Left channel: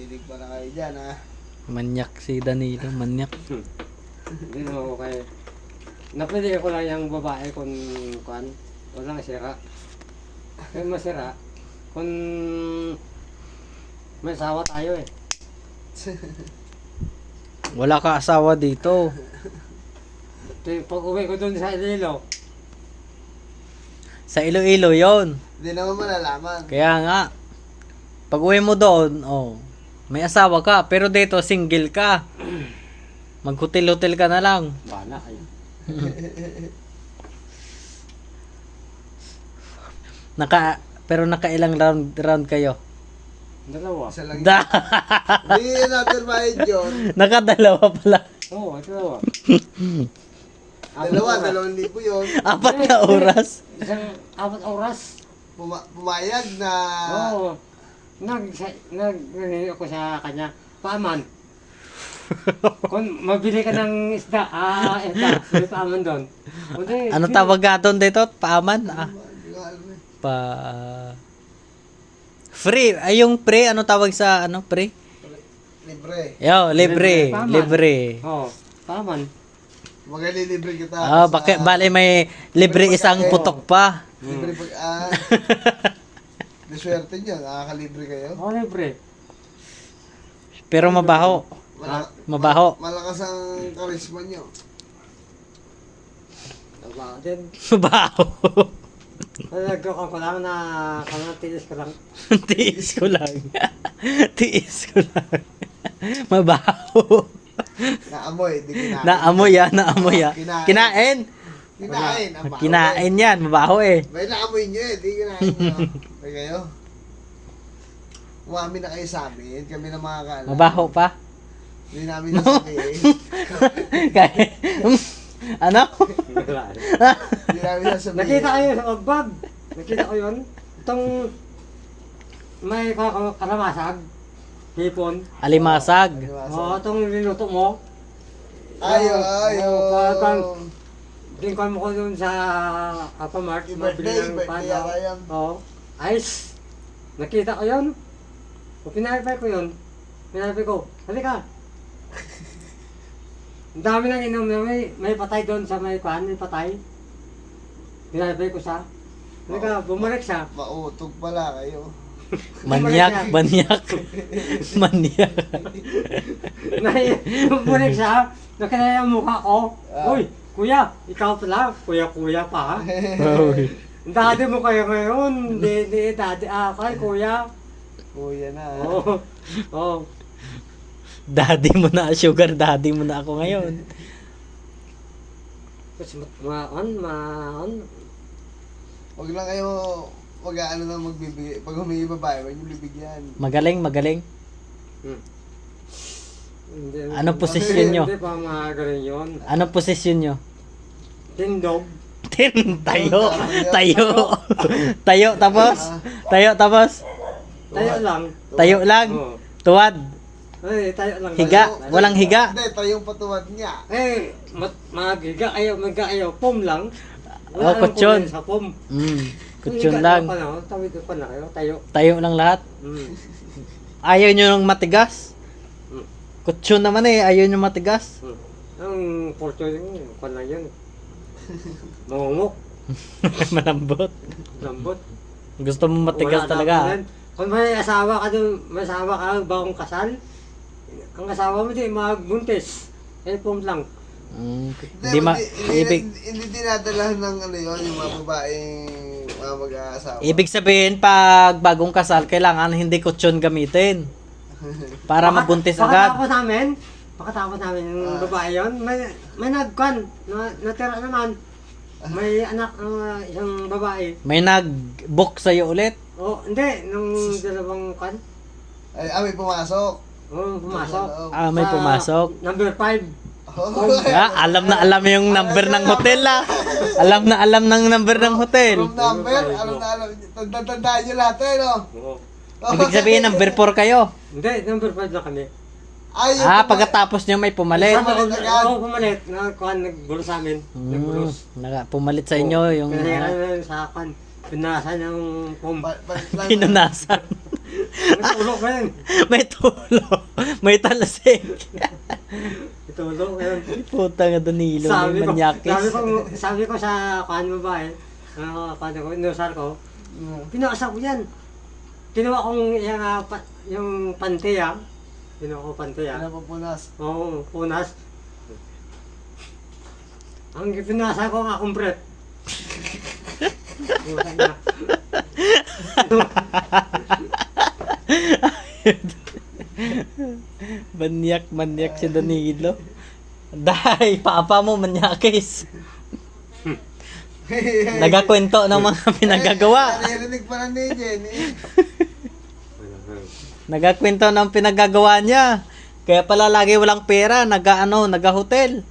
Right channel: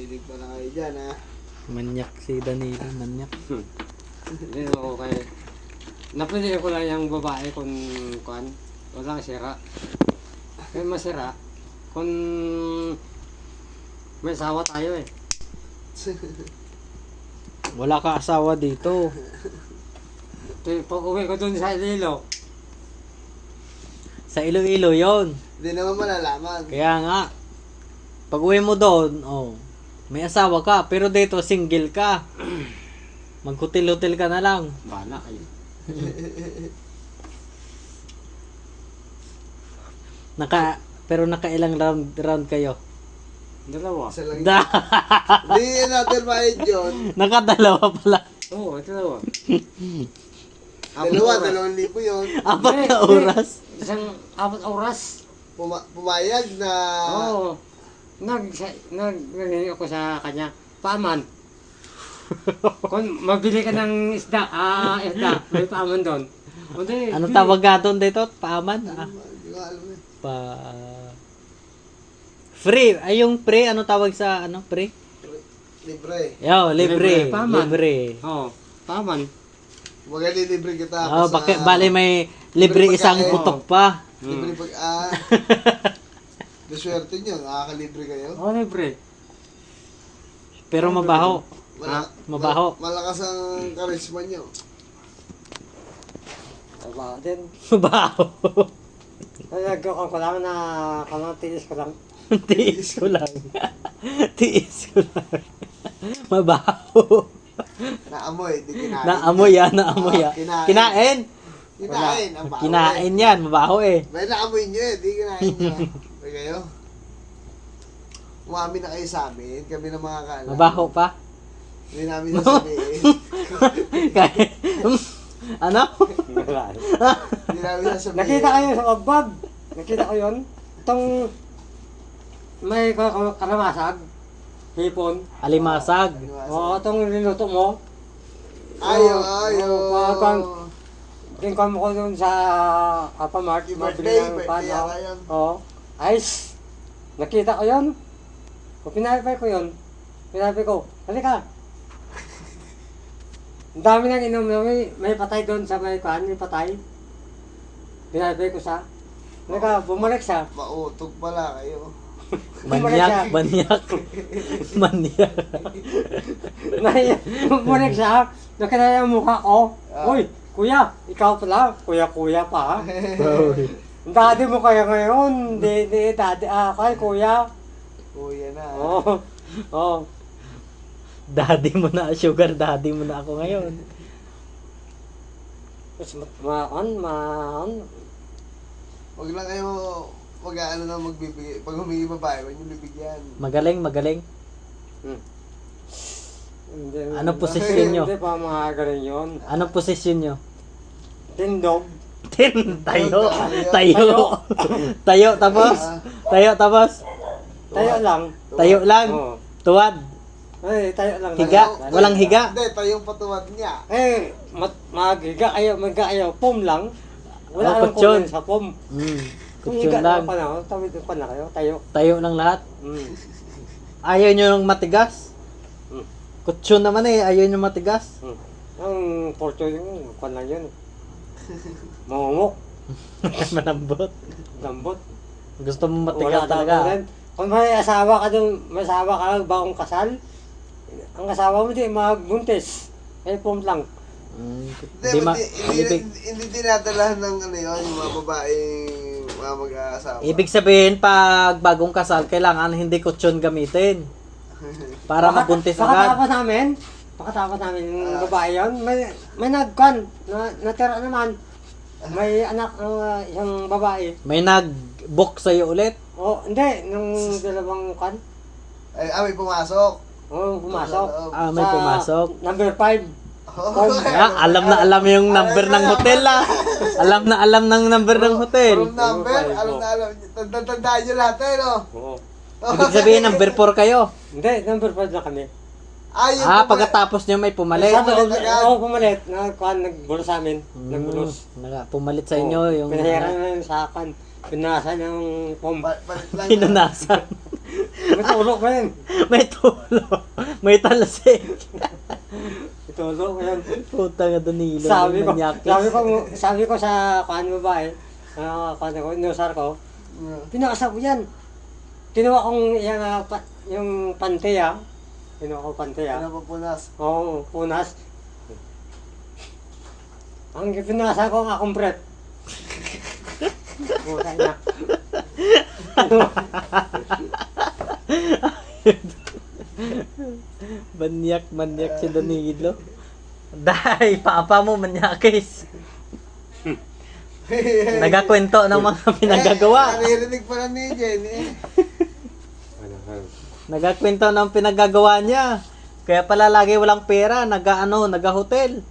Titig pa na kayo dyan, ha? Manyak si Danilo, manyak. Hindi naman okay. Napili ko lang yung babae kung walang sira. Kaya masira. Kung may asawa tayo eh. Wala ka asawa dito. Pag uwi ko dun sa Iloilo, Sa Iloilo yon. Hindi naman malalaman. Kaya nga, pag uwi mo doon, may asawa ka, pero dito single ka. Mag-hotel-hotel ka na lang. bala kayo. Pero nakailang round kayo? Dalawa. Isa lang. Da, Hindi, another bayad yun. nakadalawa pala. Oo, dalawa. Dalawa, 2,000 yun. 4 na oras. Isang 4 oras. Pumayag na... Oo. Nag ako sa kanya. Paaman. Kung mabili ka ng isda, may paaman doon. Hindi, Ano tawag nga doon dito? Paaman? Hindi ko alam eh. Free. Ay, yung pre, ano tawag sa, pre? Libre. Yo, libre. Paaman. Libre. Oo, paaman. Magalilibre kita. Bakit? Bale, may libre Libre isang pagkain. putok pa. Libre pag... Diswerte nyo, nakakalibre kayo. Oo, libre. Pero mabaho. Mabaho. Malakas ang karisma nyo. Trabaho din. Mabaho. Nagkakon ko lang na tiis ko lang. Tiis ko lang. Tiis ko lang. Mabaho. Naamoy, di kinain. Naamoy yan, naamoy yan. Kinain. Kinain. Kinain, ang baho Kinain yan, mabaho eh. May naamoy nyo eh, di kinain nyo. May kayo? Umamin na kayo sa amin, kami na mga kaalam. Mabaho pa. Hindi namin sasabihin. Kaya, ano? Wala. Hindi namin sasabihin. Nakita kayo sa kagbag. Nakita ko yun. Itong may karamasag. Hipon. Alimasag. Oo, itong niluto mo. Ayo, Oo, ayo. Tingkan mo ko dun sa Alphamart. Birthday, Mabili ng birthday pano. yata yan. Oo. Ice. Nakita ko yun. O pinapay ko yun. Pinapay ko. Halika. Ang dami nang inom. May patay doon sa may kuhan. May patay. Pinapay ko siya. Halika, bumalik siya. Mautog pala kayo. Manyak, manyak. Manyak. Bumalik siya. Nakita yung mukha ko. Ah. Uy, kuya, ikaw pala. Kuya pa ha. Daddy mo kaya ngayon. Hindi, daddy. Kaya kuya. Kuya na. Oo. Oo. Daddy mo na, sugar daddy mo na ako ngayon. Tapos maon. Huwag lang kayo mag-ano na magbibigay. Pag humingi babae, huwag nyo bibigyan. Magaling, magaling. Hindi, Anong posisyon nyo? Hindi pa mga ganun yun. Anong posisyon nyo? Tindog. Tayo. Tayo. Tayo tapos? Tayo tapos? Tayo lang. Tayo lang? Oo. Tuwad? Ay, tayo lang. Higa? Tayo- Walang higa? Hindi, tayong patuwad niya. Maghiga kayo. Pom lang. Wala kang kutsyon. kunin sa pom. Kutsyon lang. Tawid ko na kayo. Tayo. Tayo lang lahat. Ayaw nyo ng matigas? Mm. Kutsyon naman eh, ayaw nyo matigas. Ang portyo yung kwan lang yun. Mamumok. Malambot. Lambot. Gusto mo matigas Wala na talaga. ako rin. Kung may asawa ka doon, may asawa ka bagong kasal, ang asawa mo din magbuntis. Pom lang. Hindi ma... Ibig, Hindi dinadalahan ng ano yun, yung mga babaeng mga mag-aasawa. ibig sabihin, pag bagong kasal, kailangan hindi kutsyon gamitin. Para mabuntis agad. Pakatapos namin yung babae yun, may nagkwan, natira naman. May anak ng isang babae. May nag-book sa'yo ulit. Hindi, nung dalawang kwan. May pumasok. Pumasok. May pumasok. Number 5. Alam na alam yung number ng hotel Alam na alam ng number ng hotel. From number, alam na alam. Tandaan nyo lahat eh, no? Oo. Ibig sabihin, number 4 kayo. Hindi, number 5 na kami. Pagkatapos nyo may pumalit. Pumalit agad. Pumalit. Nagbulos sa amin. Nagbulos. Pumalit sa inyo yung... Pinahiran na sa akin. Pinasa ng pom. Pinunasan. May tulog ko yan. May tulo. May talasik. May tulog ko yan. Puta nga Danilo. Sabi ko, manyakis. sabi ko sa kuhan babae, kuhan ko, inusar ko, pinakasap ko yan. Kinuha kong yung pante Kinuha ko pante Pinapapunas. Oo, punas. Ang pinasa ko ang akong breath. Puta niya. Manyak si Danilo. Dahil, papa mo manyakis. Nagakwento ng mga pinagagawa. Naririnig pa lang ni Jenny. Nagakwento ng pinagagawa niya. Kaya pala lagi walang pera, nag-hotel.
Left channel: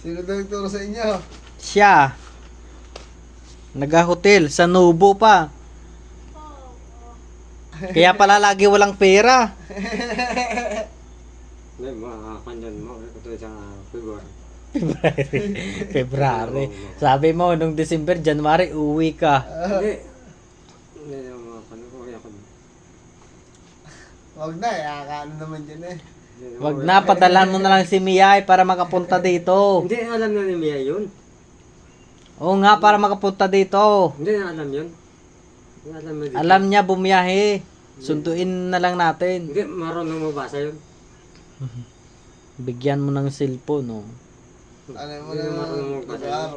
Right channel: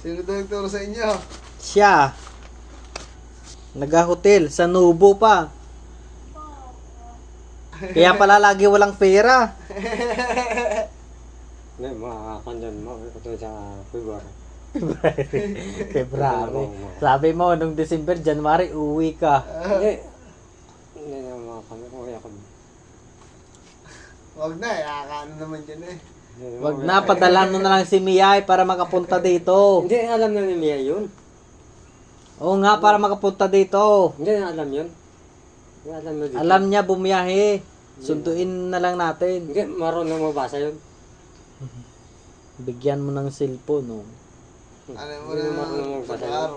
Sino daw nagturo sa inyo? Siya. Nag-hotel sa Nubo pa. Kaya pala lagi walang pera. Hindi, makakanyan mo. Ito sa February. February. Sabi mo, nung December, January, uwi ka. Hindi. Hindi na makakanyan ko. Wag na, ano naman dyan eh. Wag na, padala mo na lang si Miyay para makapunta dito. Hindi, alam na ni Mia yun. Oo nga, para makapunta dito. Hindi na alam yun. Hindi alam na dito. Alam niya bumiyahe. Sunduin na lang natin. Hindi, marunong mo basa yun. Bigyan mo ng cellphone, no? Alam mo Hindi na marunong magbasa yun. araw.